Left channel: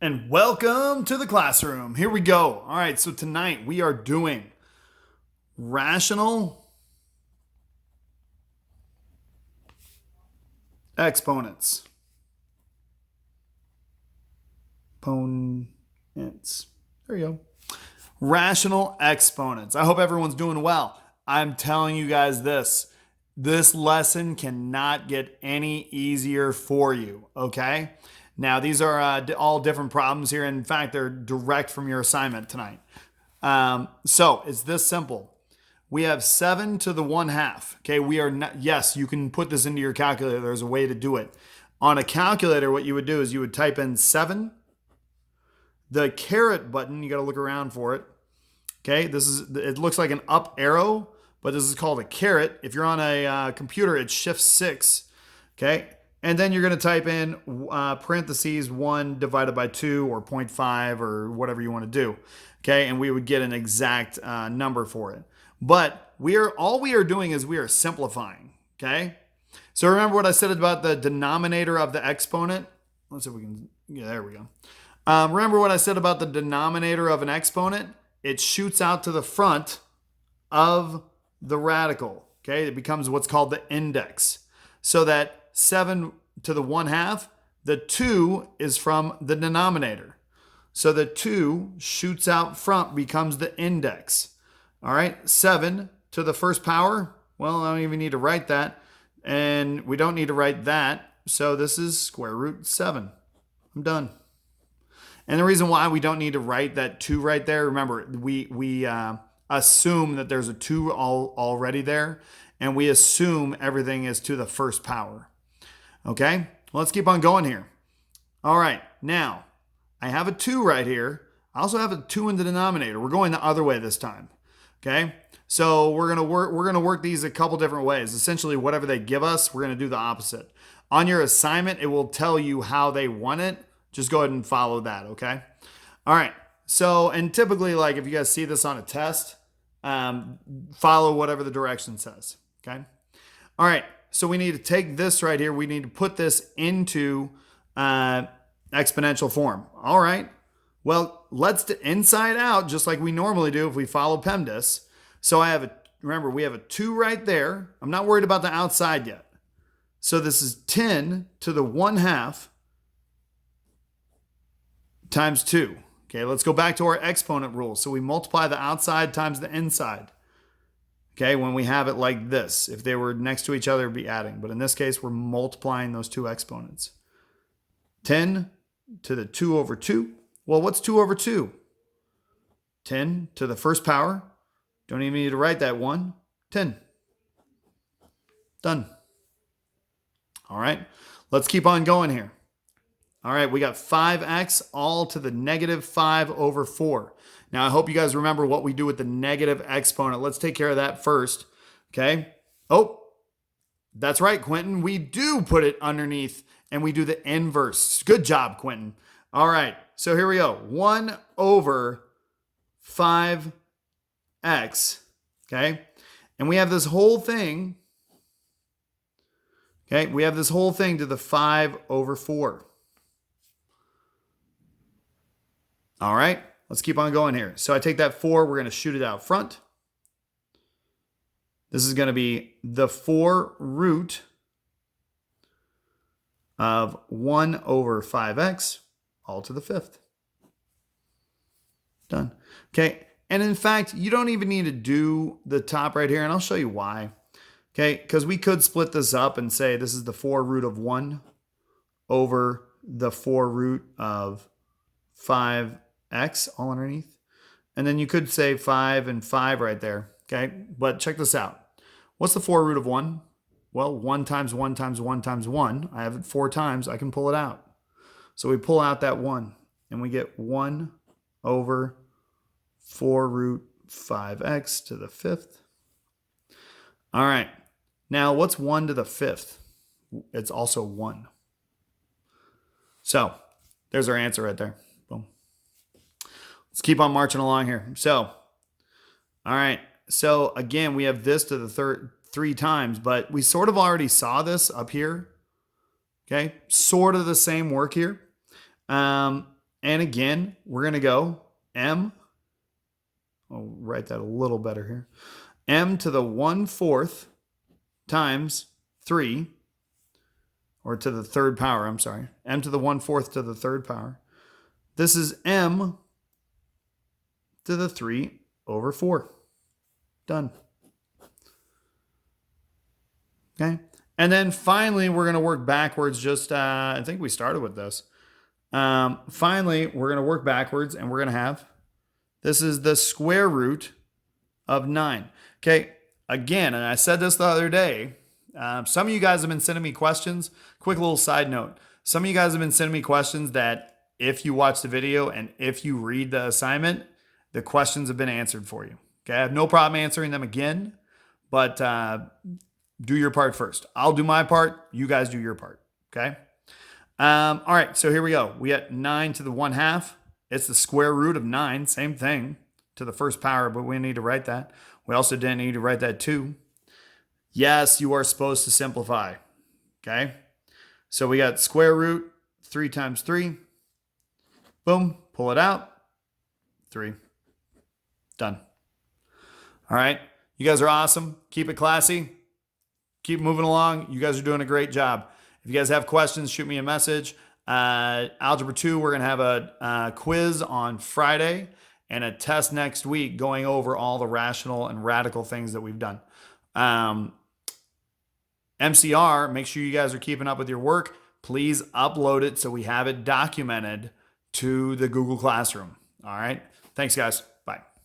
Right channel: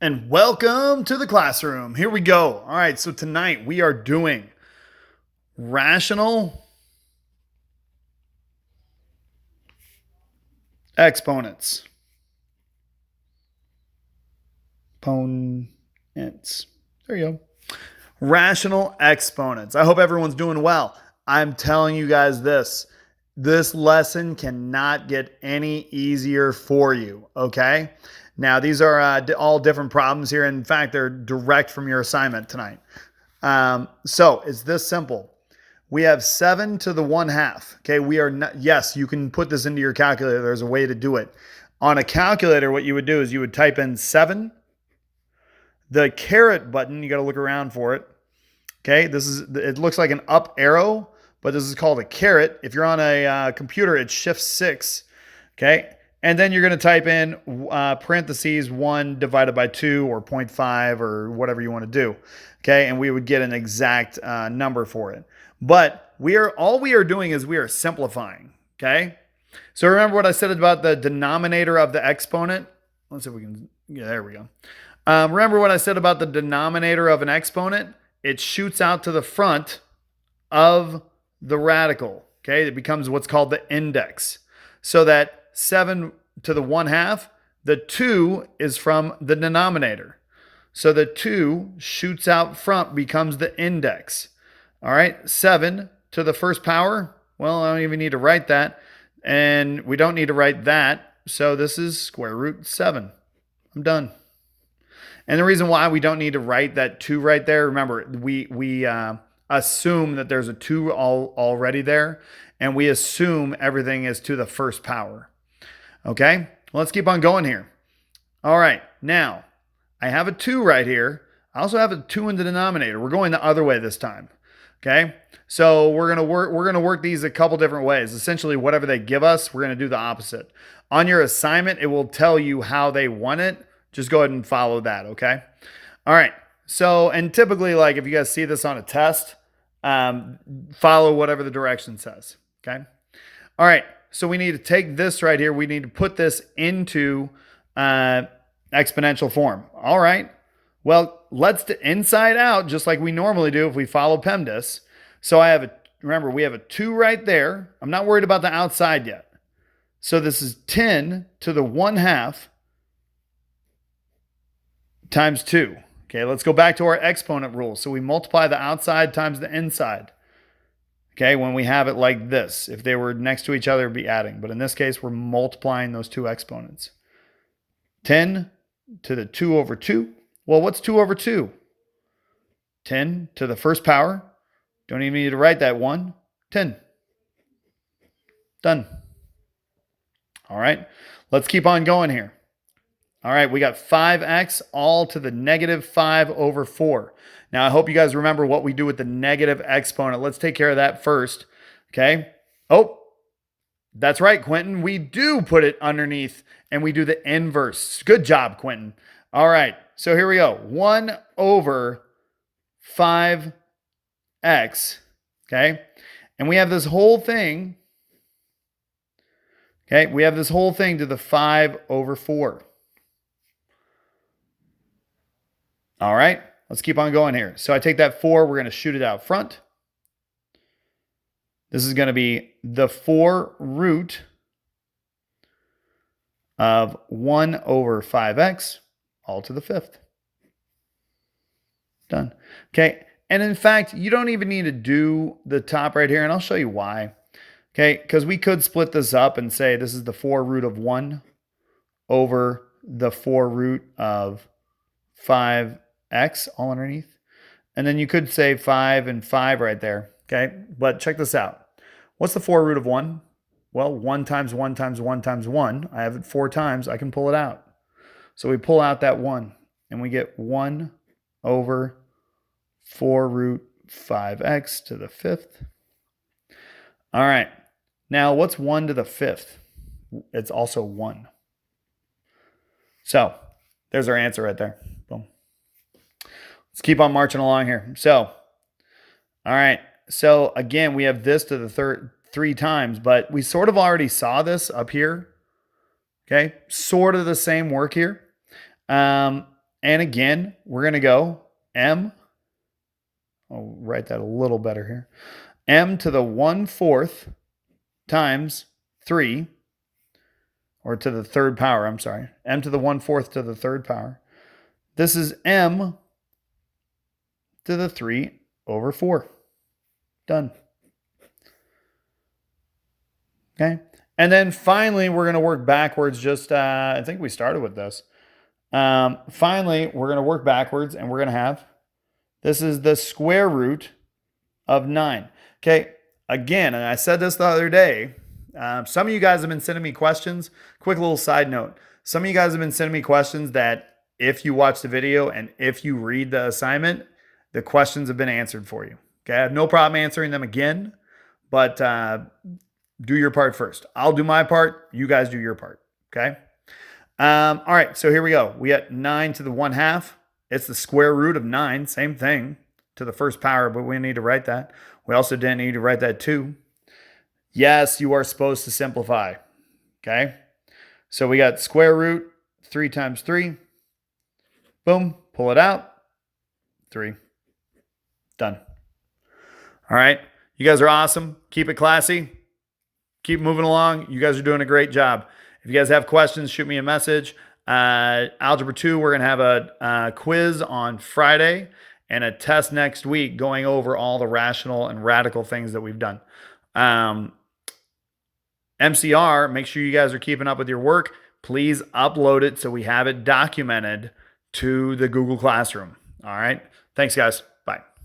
And welcome to the classroom. Here we go. All right, so tonight we are doing rational exponents. Exponents. There you go. Rational exponents. I hope everyone's doing well. I'm telling you guys this lesson cannot get any easier for you, okay? Now, these are all different problems here. In fact, they're direct from your assignment tonight. So it's this simple. We have 7 to the 1/2. Okay, we are not, yes, you can put this into your calculator. There's a way to do it. On a calculator, what you would do is you would type in 7, the caret button, you got to look around for it. Okay, it looks like an up arrow, but this is called a caret. If you're on a computer, it's shift 6. Okay, and then you're going to type in parentheses 1 divided by 2 or 0.5 or whatever you want to do. Okay, and we would get an exact number for it. But all we are doing is we are simplifying. Okay, so remember what I said about the denominator of the exponent. Let's see if we can. Yeah, there we go. Remember what I said about the denominator of an exponent? It shoots out to the front of the radical. Okay, it becomes what's called the index. So that 7 to the 1/2, the 2 is from the denominator. So the 2 shoots out front, becomes the index. All right, 7 to the first power. Well, I don't even need to write that. And we don't need to write that. So this is square root 7. I'm done. And the reason why we don't need to write that 2 right there, remember, we assume that there's a 2 already there, and we assume everything is to the first power. Okay, let's keep on going here. All right, now I have a 2 right here. I also have a 2 in the denominator. We're going the other way this time. Okay, so we're gonna work these a couple different ways. Essentially, whatever they give us, we're gonna do the opposite. On your assignment, it will tell you how they want it. Just go ahead and follow that, okay? All right. So, and typically, like if you guys see this on a test, follow whatever the direction says, okay? All right. So we need to take this right here. We need to put this into exponential form. All right. Well, let's do inside out, just like we normally do if we follow PEMDAS. So remember, we have a 2 right there. I'm not worried about the outside yet. So this is 10 to the 1/2 times 2. Okay, let's go back to our exponent rule. So we multiply the outside times the inside. Okay, when we have it like this. If they were next to each other, it'd be adding. But in this case, we're multiplying those two exponents. 10 to the 2 over 2. Well, what's 2 over 2? 10 to the first power. Don't even need to write that 1. 10. Done. All right, let's keep on going here. All right, we got 5x all to the negative 5 over 4. Now, I hope you guys remember what we do with the negative exponent. Let's take care of that first, okay? Oh, that's right, Quentin. We do put it underneath, and we do the inverse. Good job, Quentin. All right, so here we go. 1 over 5x, okay? And we have this whole thing, okay? We have this whole thing to the 5 over 4. All right, let's keep on going here. So I take that 4, we're going to shoot it out front. This is going to be the 4 root of 1 over 5x, all to the 5th. Done. Okay, and in fact, you don't even need to do the top right here, and I'll show you why. Okay, because we could split this up and say this is the 4 root of 1 over the 4 root of 5x all underneath. And then you could say 5 and 5 right there. Okay, but check this out. What's the 4 root of 1? Well, 1 times 1 times 1 times 1. I have it 4 times. I can pull it out. So we pull out that 1, and we get 1 over 4 root 5x to the 5th. All right. Now, what's 1 to the 5th? It's also 1. So there's our answer right there. Boom. Let's keep on marching along here. So, all right. So again, we have this to the third 3 times, but we sort of already saw this up here. Okay. Sort of the same work here. And again, we're going to go m, I'll write that a little better here, m to the 1/4 times 3, or to the third power, I'm sorry, m to the 1/4 to the third power. This is m to the 3/4. Done. Okay. And then finally, we're going to work backwards. I think we started with this. Finally, we're going to work backwards, and we're going to have, this is the square root of 9. Okay. Again, and I said this the other day, some of you guys have been sending me questions. Quick little side note. Some of you guys have been sending me questions that if you watch the video and if you read the assignment, the questions have been answered for you. Okay. I have no problem answering them again, but do your part first. I'll do my part. You guys do your part. Okay. All right. So here we go. We got 9 to the 1/2. It's the square root of 9. Same thing to the first power, but we need to write that. We also didn't need to write that too. Yes, you are supposed to simplify. Okay. So we got square root 3 times 3. Boom. Pull it out. 3. Done. All right. You guys are awesome. Keep it classy. Keep moving along. You guys are doing a great job. If you guys have questions, shoot me a message. Algebra 2, we're going to have a quiz on Friday and a test next week going over all the rational and radical things that we've done. MCR, make sure you guys are keeping up with your work. Please upload it so we have it documented to the Google Classroom. All right. Thanks, guys.